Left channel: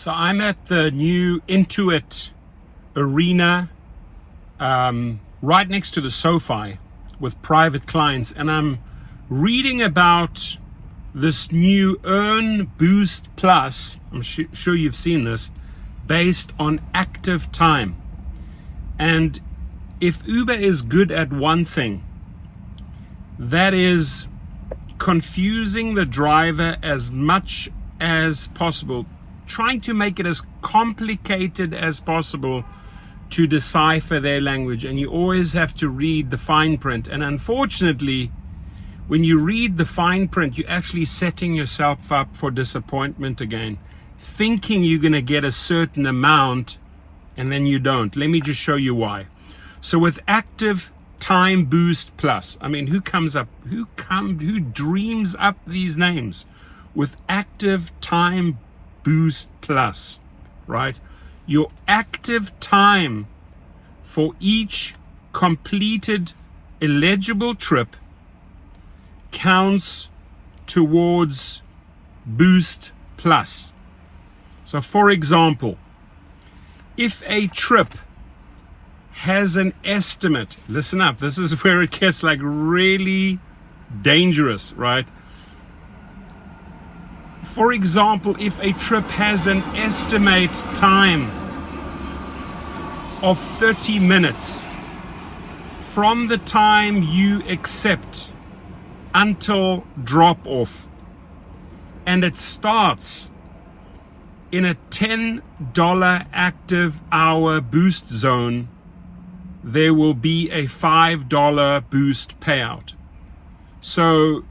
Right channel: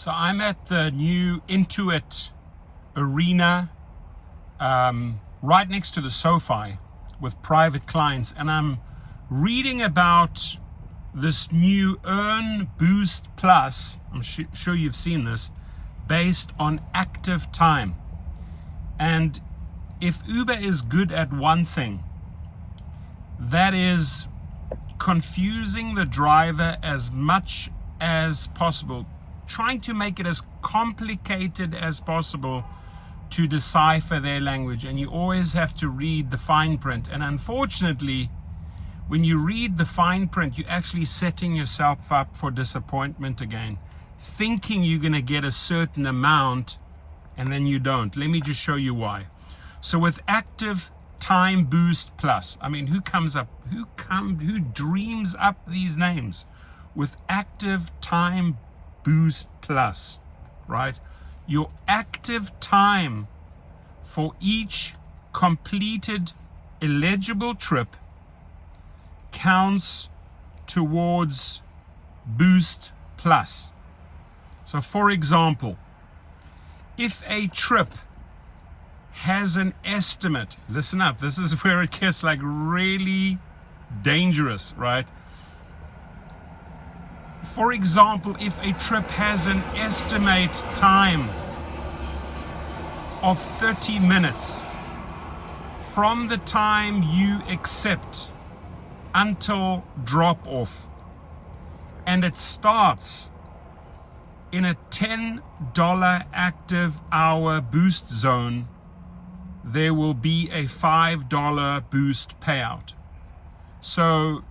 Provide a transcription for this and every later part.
So I'm at the new Intuit arena, right next to the SoFi with private clients, and I'm reading about this new Earn Boost Plus. I'm sure you've seen this, based on active time. And if Uber is good at one thing, that is confusing the driver as much as possible, trying to make it as complicated as possible to decipher their language. And you always have to read the fine print. And unfortunately, when you read the fine print, you're actually setting yourself up for disappointment again, thinking you're going to get a certain amount, and then you don't. Let me just show you why. So with Active Time Boost Plus, I mean, who dreams up these names? With Active Time Boost Plus, right? Your active time for each completed eligible trip counts towards Boost Plus. So for example, if a trip has an estimate, listen up, this is where it gets like really dangerous, right? For example, if a trip has an estimate time of 30 minutes from the time you accept until drop off, and it starts in a $10 active hour boost zone, there will be a $5 boost payout. So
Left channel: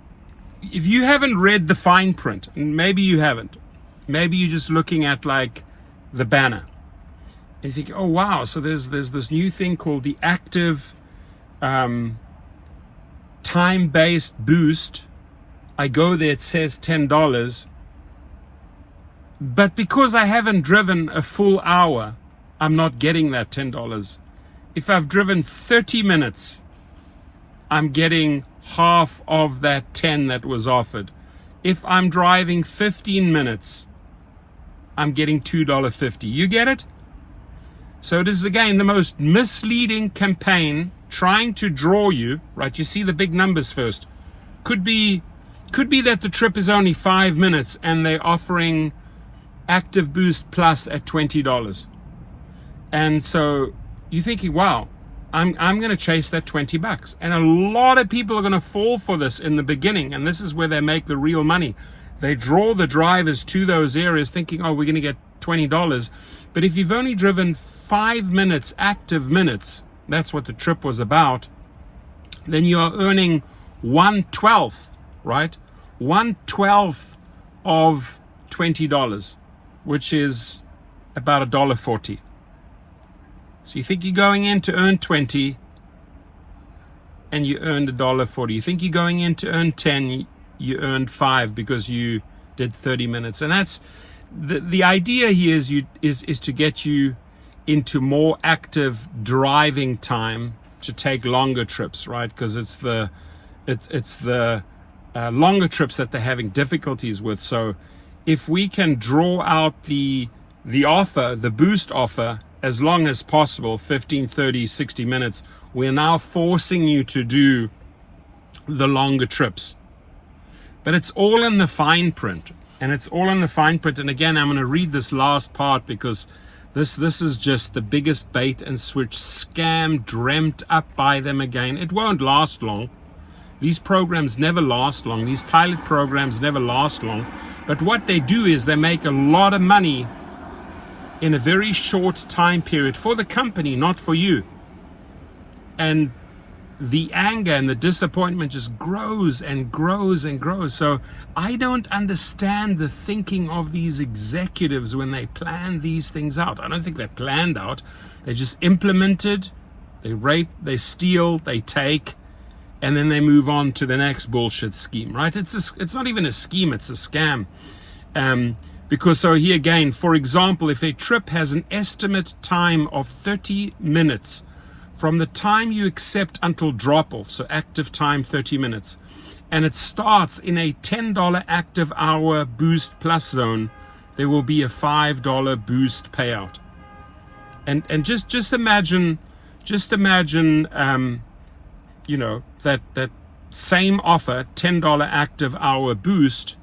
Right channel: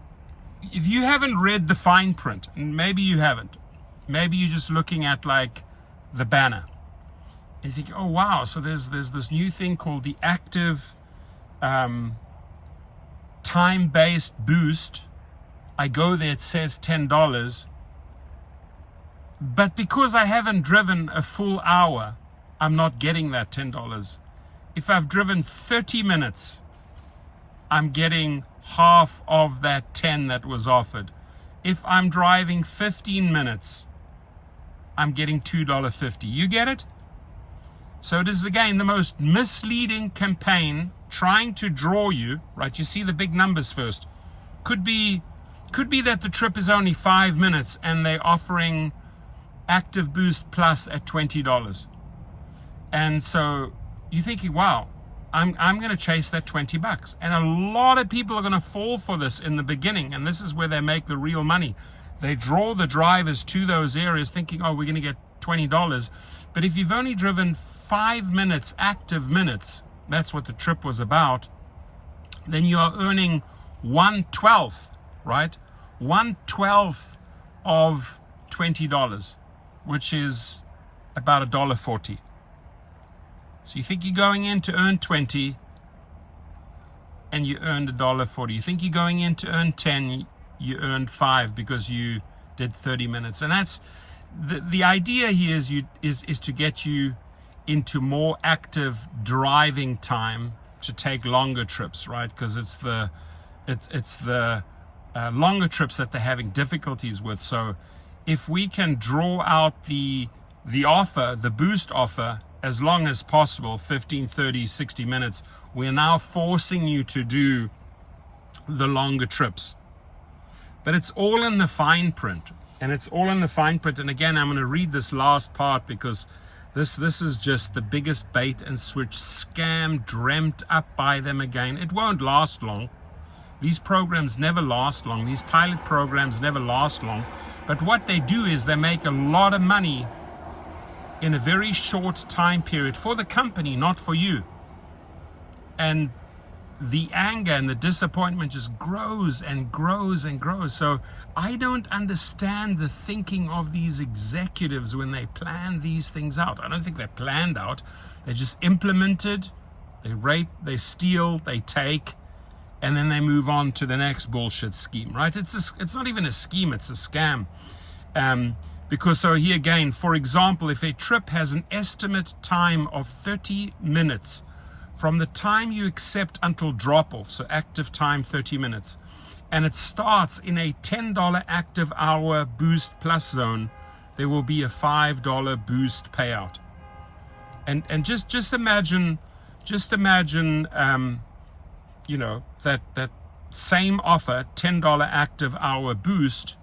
if you haven't read the fine print, and maybe you haven't, maybe you're just looking at like the banner and you think, oh wow, so there's this new thing called the active time-based boost. I go there, it says $10, but because I haven't driven a full hour, I'm not getting that $10. If I've driven 30 minutes, I'm getting half of that 10 that was offered. If I'm driving 15 minutes, I'm getting $2.50. You get it? So this is again the most misleading campaign, trying to draw you, right? You see the big numbers first. Could be that the trip is only 5 minutes and they're offering Active Boost Plus at $20. And so you're thinking, wow, I'm going to chase that $20. And a lot of people are going to fall for this in the beginning. And this is where they make the real money. They draw the drivers to those areas thinking, oh, we're going to get $20. But if you've only driven 5 minutes, active minutes, that's what the trip was about, then you're earning 1/12, right? 1/12 of $20, which is about $1.40. So you think you're going in to earn 20 and you earned $1.40. You think you're going in to earn 10, you earned 5 because you did 30 minutes. And that's the idea here is to get you into more active driving time to take longer trips, right? Because it's the longer trips that they're having difficulties with. So if we can draw out the offer, the boost offer, as long as possible, 15, 30, 60 minutes, we're now forcing you to do the longer trips. But it's all in the fine print. And it's all in the fine print. And again, I'm going to read this last part because this is just the biggest bait and switch scam dreamt up by them again. It won't last long. These programs never last long. These pilot programs never last long. But what they do is they make a lot of money in a very short time period for the company, not for you. And the anger and the disappointment just grows and grows and grows. So I don't understand the thinking of these executives when they plan these things out. I don't think they're planned out. They're just implemented. They rape, they steal, they take, and then they move on to the next bullshit scheme, right? It's not even a scheme, it's a scam. Because so here again, for example, if a trip has an estimate time of 30 minutes from the time you accept until drop off, so active time 30 minutes, and it starts in a $10 active hour boost plus zone, there will be a $5 boost payout. And just imagine, you know, that same offer, $10 active hour boost,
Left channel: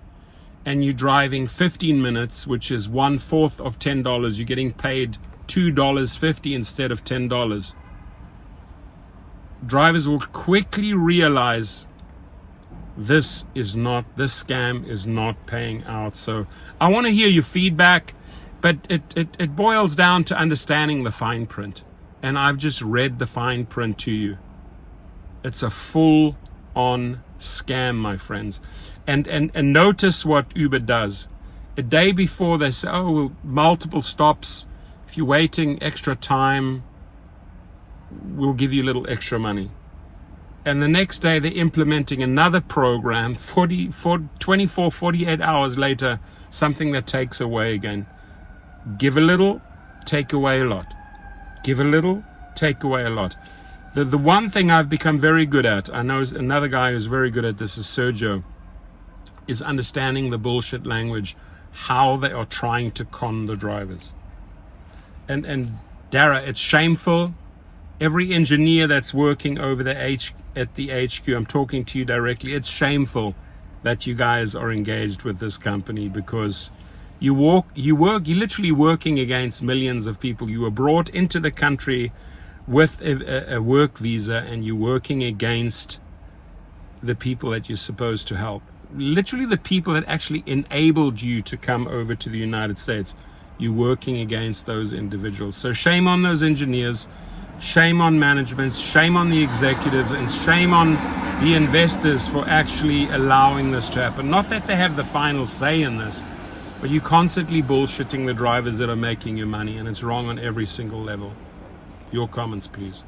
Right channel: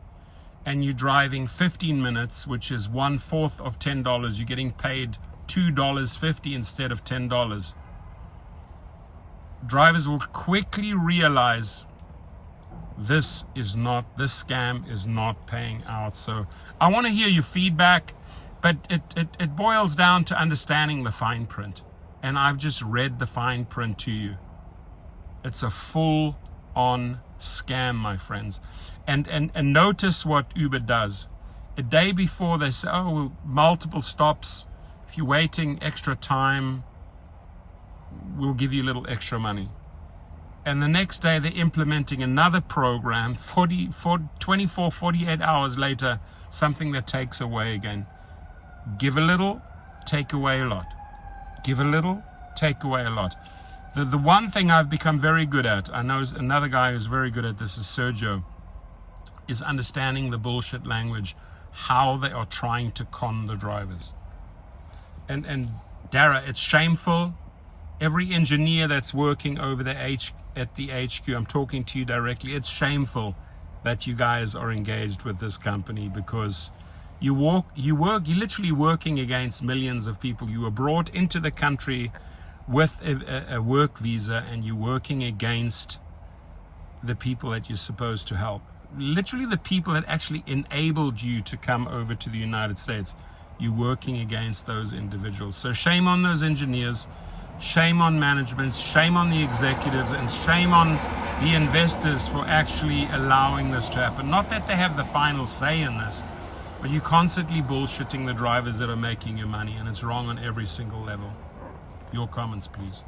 and you're driving 15 minutes, which is 1/4 of $10. You're getting paid $2.50 instead of $10. Drivers will quickly realize this scam is not paying out. So I want to hear your feedback, but it boils down to understanding the fine print. And I've just read the fine print to you. It's a full-on scam, my friends. And notice what Uber does. A day before, they say, oh, well, multiple stops. If you're waiting extra time, we'll give you a little extra money. And the next day, they're implementing another program, 24, 48 hours later, something that takes away again. Give a little, take away a lot. Give a little, take away a lot. The one thing I've become very good at, I know another guy who's very good at this is Sergio, is understanding the bullshit language, how they are trying to con the drivers. And Dara, it's shameful. Every engineer that's working over at the HQ, I'm talking to you directly, it's shameful that you guys are engaged with this company, because you're literally working against millions of people. You were brought into the country with a work visa, and you're working against the people that you're supposed to help. Literally the people that actually enabled you to come over to the United States. You're working against those individuals. So shame on those engineers, shame on management, shame on the executives, and shame on the investors for actually allowing this to happen. Not that they have the final say in this, but you're constantly bullshitting the drivers that are making you money, and it's wrong on every single level. Your comments, please.